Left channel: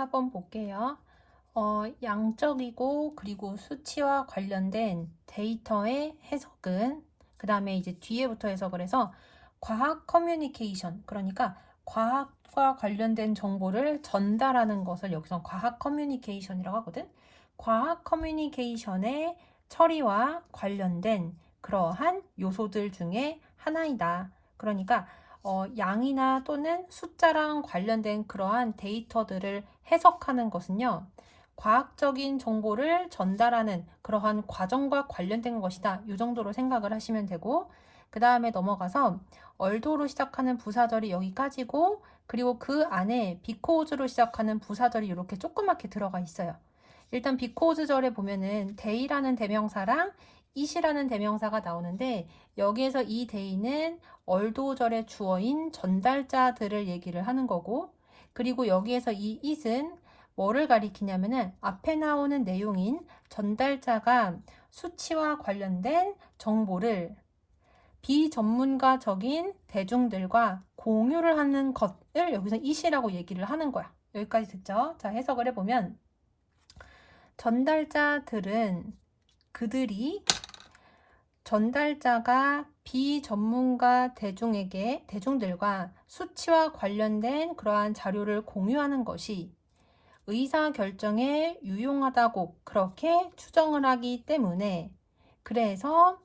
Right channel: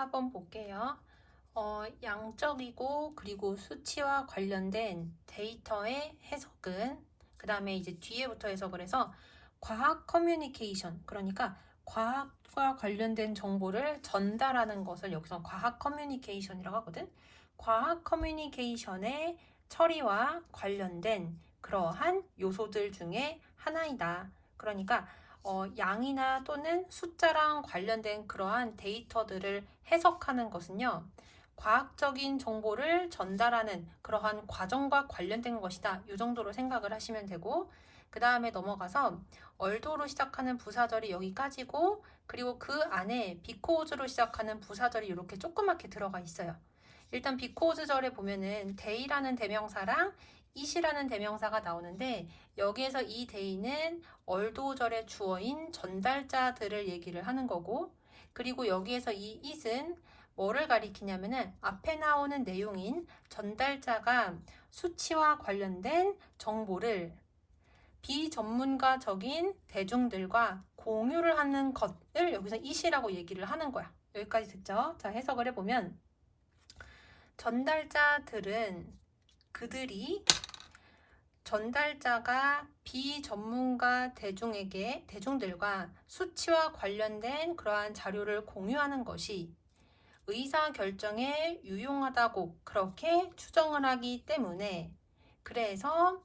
한번 볼게요. 양적이고 그리고 수치와 관련된 데이터의 해석은 그 다음에 이제 뒤에부터 해석을 해서 과학 커뮤니케이션, 그러니까 과학과 관련된 정보를 전달하는 것을 여기서 과학 커뮤니케이션이라고 하거든. 과학 커뮤니케이션의 처리와 관련된 그러한 요소들 중에 하나이다. 그러니까 양이나 또는 숫자랑 관련된 그러한 데이터들을 해석하는 것은요, 과학적인 정보를 전달하는 그러한 과정과 관련된 것이다. 이 정도로 생각을 하시면 되고, 그 다음에 넘어가서 얼도로 시작하는 부사절이 여기까지고, 그리고 그 안에 비코즈로 시작하는 부사절이 이렇게 조그맣게 들어가 있어요. 일단 비코즈절에 보면은 데이라는 대명사랑 it이라는 대명사가 나오는데, 여기에서 이 데이는 얼도절의 주어인 전달자들을 얘기를 하는 거고, 그리고 여기에서 이 it은 뭐를 가리키냐면은 앞에 나오는 내용인 전달자가 수치와 관련된 정보를 비전문가적인 대중들과 공유를 하는 것을 여기서 it이라고 얘기를 하는 거야. 여기까지 됐죠? 자, 해석을 해보면 전달자들은 그들이 전달자가 비전문가 대중들과 수치와 관련된 그러한 자료를 공유하는 것이 의사결정에 유용하다고 그렇게 추정을 하기 때문에, 그래서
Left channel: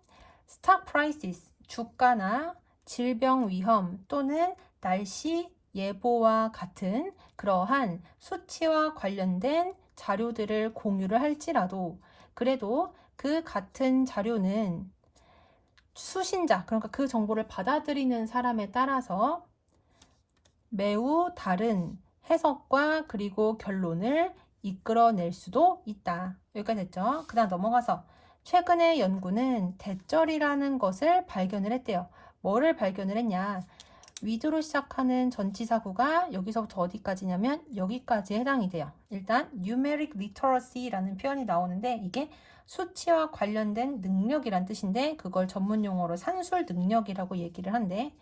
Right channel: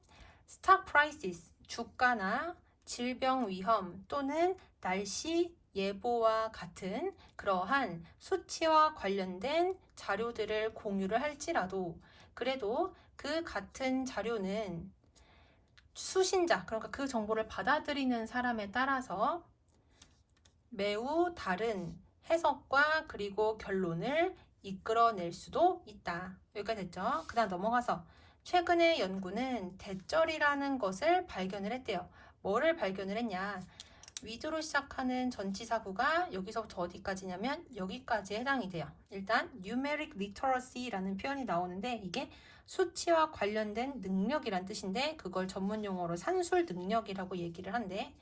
stock prices, 주가나 질병 위험 또는 날씨 예보와 같은 그러한 수치와 관련된 자료들을 공유를 할지라도, 그래도 그 같은 자료는 수신자, 그러니까 그 정보를 받아들이는 사람에 따라서 매우 다른 해석과 그리고 결론을 이끌어낼 수도 있다. 여기까지 됐죠? 그 다음 넘어가서 최근의 연구는 대절이라는 것을 발견을 했대요. 뭐를 발견을 했냐? with로 시작하는 전치사구가 여기서부터 어디까지냐면 여기까지에 해당이 돼요. 일단 numeric literacy라는 표현이 나오는데, 이게 수치와 관련된 능력이란 뜻인데, 그걸 전문 용어로 산술 능력이라고 얘기를 한대.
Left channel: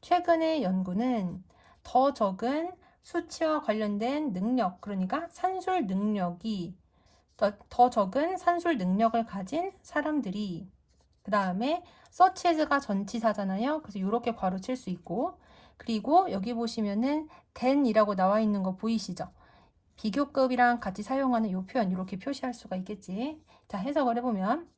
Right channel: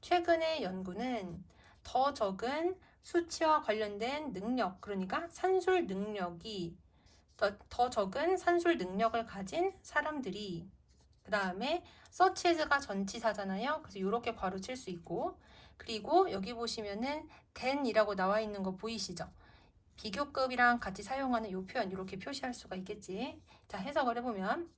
최근의 연구는 더 적은 수치와 관련된 능력, 그러니까 산술 능력이 더 적은 산술 능력을 가진 사람들이, 그 다음에 such as가 전치사잖아요. 그래서 이렇게 괄호 칠 수 있고, 그리고 여기 보시면은 than이라고 나와 있는 거 보이시죠? 비교급이랑 같이 사용하는 이 표현 이렇게 표시할 수가 있겠지. 자, 해석을 해보면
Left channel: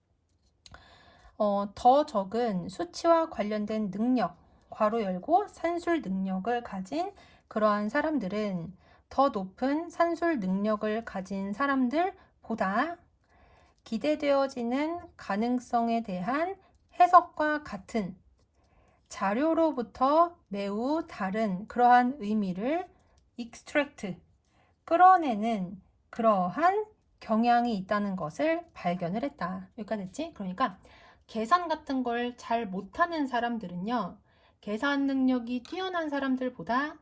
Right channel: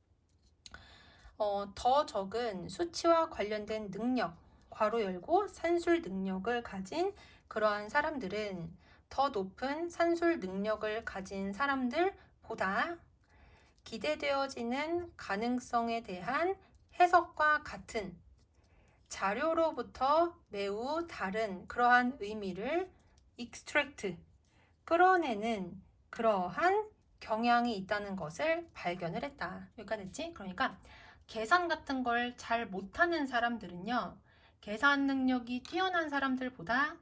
더 적은 수치와 관련된 능력, 괄호 열고 산술 능력을 가진 그러한 사람들은 더 높은 산술 능력을 가진 사람들보다 기대되어지는 가능성에 대한 해석과 같은 자료로부터 매우 다른 그러한 의미를 extract, 끌어내는 그러한 경향이 있다는 것을 발견을 했다. 여기까지 됐지? 그러니까 계산 같은 걸 잘 못하는 사람들은요, 계산 능력이 뛰어난 사람들보다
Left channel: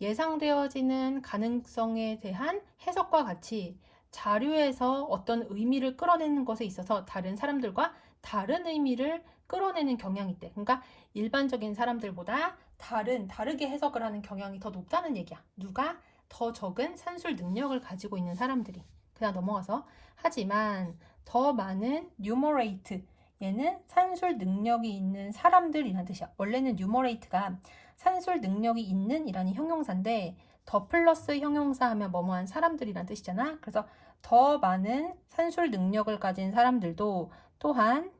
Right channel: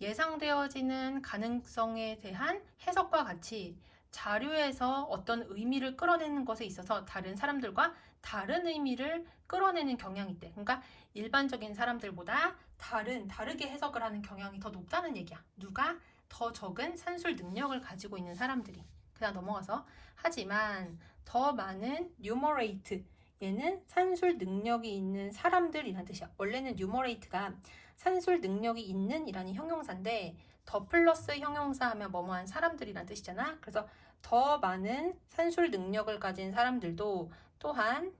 예상되어지는 가능성에 대한 해석과 같이 자료에서 어떤 의미를 끌어내는 것에 있어서 다른 사람들과 다른 의미를 끌어내는 경향이 있대. 그러니까 일반적인 사람들보다 다르게 해석을 하는 경향이 더 높다는 얘기야. 누가? 더 적은 산술 능력을 가지고 있는 사람들이. 그냥 넘어가서 하지만 더 많은 numerate, 얘는 산술 능력이 있는 사람들이란 뜻이야. 원래는 numerate가 산술 능력이 있는 이라는 형용사인데, 더 플러스 형용사 하면 뭐뭐한 사람들이란 뜻이잖아. 그래서 더 많은 산술 능력을 가진 사람들도 또한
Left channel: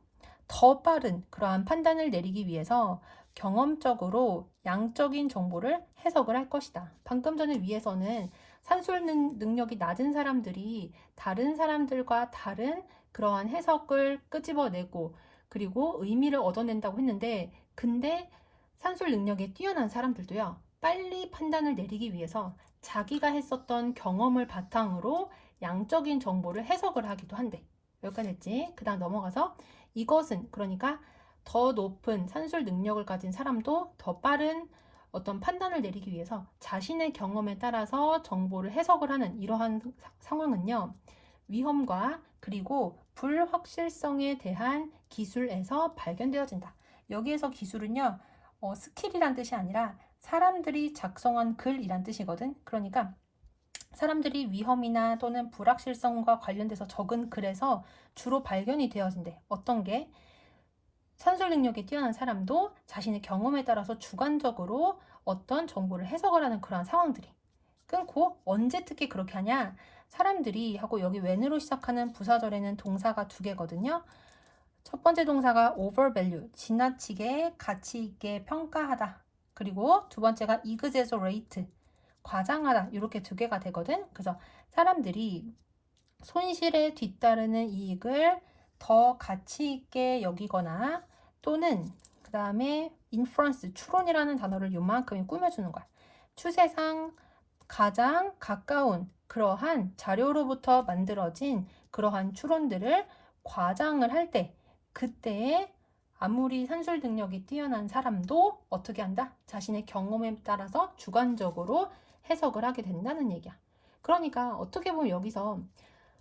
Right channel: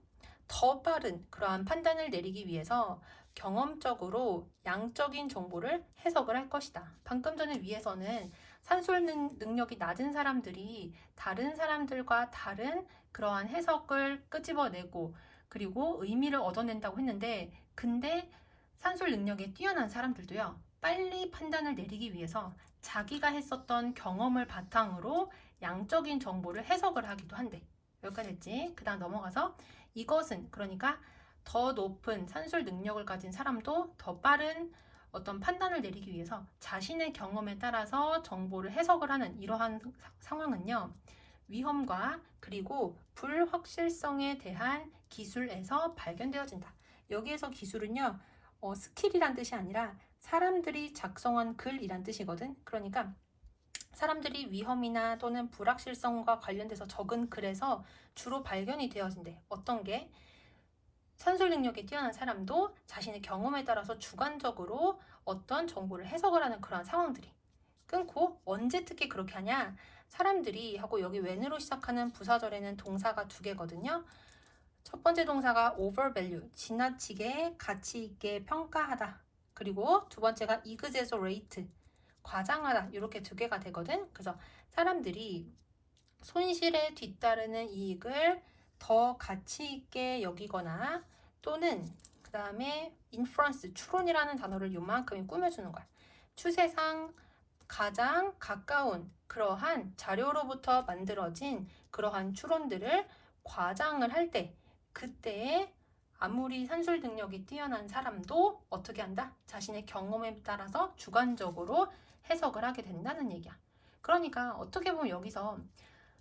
더 빠른 그러한 판단을 내리기 위해서 경험적으로 양적인 정보를 해석을 할 것이다. 방금 전에 위에서는 산술 능력이 낮은 사람들이 다른 사람들과 다른 그러한 해석을 끄집어내고 그리고 의미를 얻어낸다고 했는데, 근데 산술 능력이 뛰어난 사람들도요, 빨리 판단을 내리기 위해서 자기가 했었던 경험을 바탕으로 양적인 정보를 해석을 하기도 한대. 여기까지 했지? 그 다음 넘어가서 이것은, 그러니까 더 높은 산술 능력을 가진 사람도 더 빠른 어떤 판단을 내리기 위해서 자신의 경험에 따라서 정보를 해석을 하는 이러한 상황은요, 위험과 그리고 불확실성에 대한 기술에서 발견되어진다. 여기에서 기술은요, 스킬이란 뜻이 아니라 사람들이 작성한 글이란 뜻이거든. 그러니까 사람들이 위험이나 또는 불확실성과 관련돼서 적은 글에서 주로 발견이 되어진대. 어떤 게? 산술 능력이 뛰어난 사람도 자신의 경험에 따라서 주관적으로 어떤 정보를 해석을 하는 그러한 상황들이. 끊고 언제 특히 그렇게 하냐? 사람들이 하고 여기 when으로 시작하는 부사절에는 동사가 2개거든요. 첫 번째 동사가 overvalue, 지나치게 가치 있게 평가하다. 그리고 두 번째가 exaggerate, 과장하다. 이렇게 2개가 되거든. 그래서 사람들이 손실에 뒤따르는 이익을 더 가치 있게 여기거나 또는 그 다음에 inference, 추론이라는 단어를 요만큼 꾸며주는 거야. 추세상 가장 가까운 그러한 자료로부터 만들어진 그러한 추론들을 과장을 할 때 그때에 아무리 산술 능력이 뛰어난 사람도 어떻게 한다? 자신의 경험에 따라서 주관적으로 해석을 하게 된다는 얘기야. 그러니까 어떻게 보면 여기서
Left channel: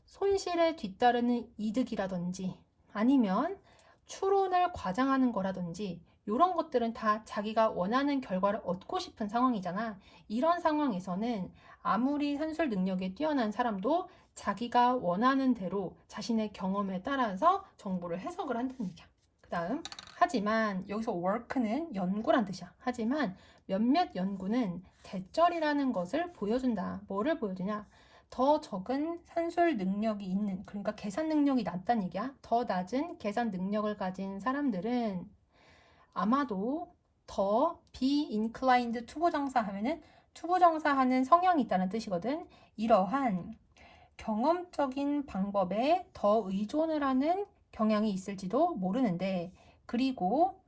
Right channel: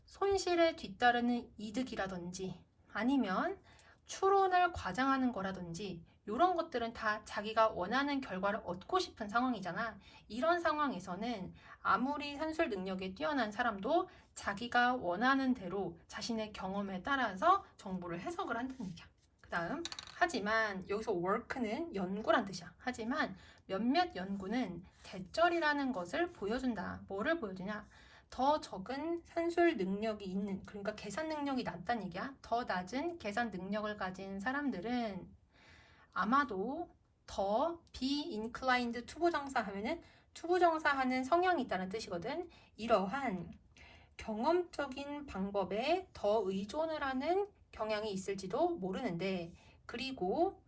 손실에 뒤따르는 이득이라든지 아니면 추론을 과장하는 거라든지 이런 것들은 다 자기가 원하는 결과를 얻고 싶은 상황이잖아. 이런 상황에서는 아무리 산술 능력이 뛰어난 사람도 자기가 원하는 대로 자신의 경험에 따라서 정보를 해석을 한다는 얘기야. 그 다음, 하지만 여기서 work는 연구란 뜻이야. 하지만 몇몇 연구는 대절이라는 것을 보여준다. 뭐를 보여주냐? 더 적은 산술 능력이 있는, 그러니까 계산 능력이 낮다는 얘기야. 더 낮은 계산 능력을 가진 사람들은 아마도 더 be inclined 투부정사 하면은 투부정사하는 성향이 있다는 뜻이거든. 이러한 경험적인 방법에 더 의존을 하는 경향이 있을지도 모르는데 그리고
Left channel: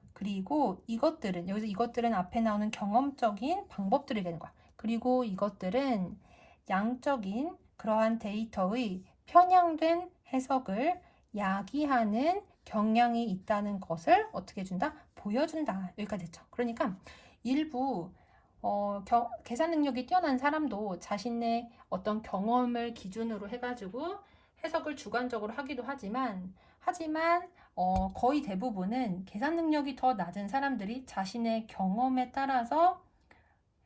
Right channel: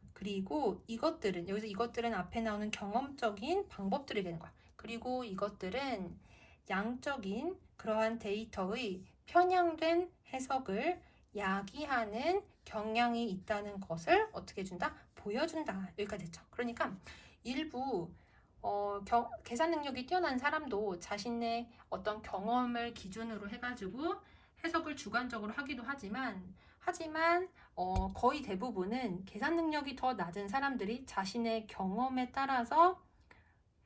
이것들은 여기서 이것들은 앞에 나오는 경험적인 방법들이 되는 거야. 그리고 이것들은 양적인 그러한 데이터의 편향된 해석을 야기하는 경향이 있다는 것을 어떻게 해준다? 보여준다. 여기까지 됐죠. 그러니까 일부 계산 능력이 뛰어난 사람도 자신의 어떤 경험을 기준으로 해가지고 해석을 주관적으로 하기도 하지만 거의 대부분은 계산 능력이 더 낮은 사람들이 자신의 경험에 따라서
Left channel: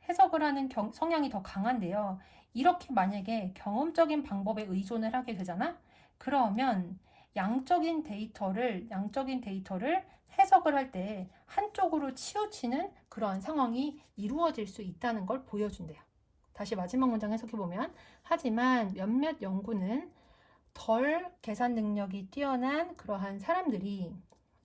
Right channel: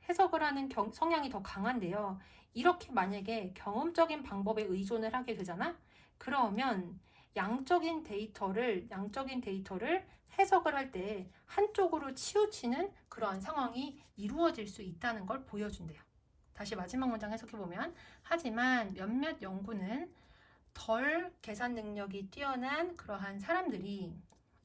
해석을 하는 성향이 더 강한데요. 이렇게 만약에 경험적인 방법에 의존을 하게 되잖아? 그러면 양적인 데이터를 해석을 할 때 한쪽으로 치우치는 그러한 상황이 이루어질 수 있다는 걸 보여준대요. 다시 마지막 문장 해석해보면 하지만 몇몇 연구는 덜 계산 능력이 뛰어난 그러한 사람들이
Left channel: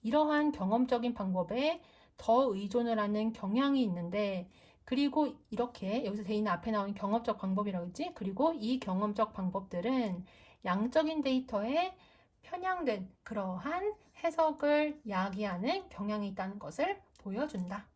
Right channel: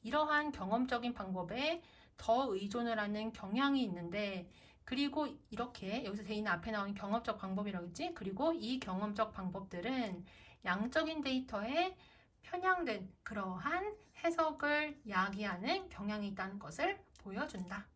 이러한 경험적인 방법에 더 의존을 하는 경향이 있는데 그리고 이렇게 여기서 돼 있는 앞에 나오는 경험적 방법이라고 했지? 그리고 이 경험적 방법들은 양적인 데이터에 편향된 그러한 해석을 야기하는 경향이 있다는 것을 보여준다.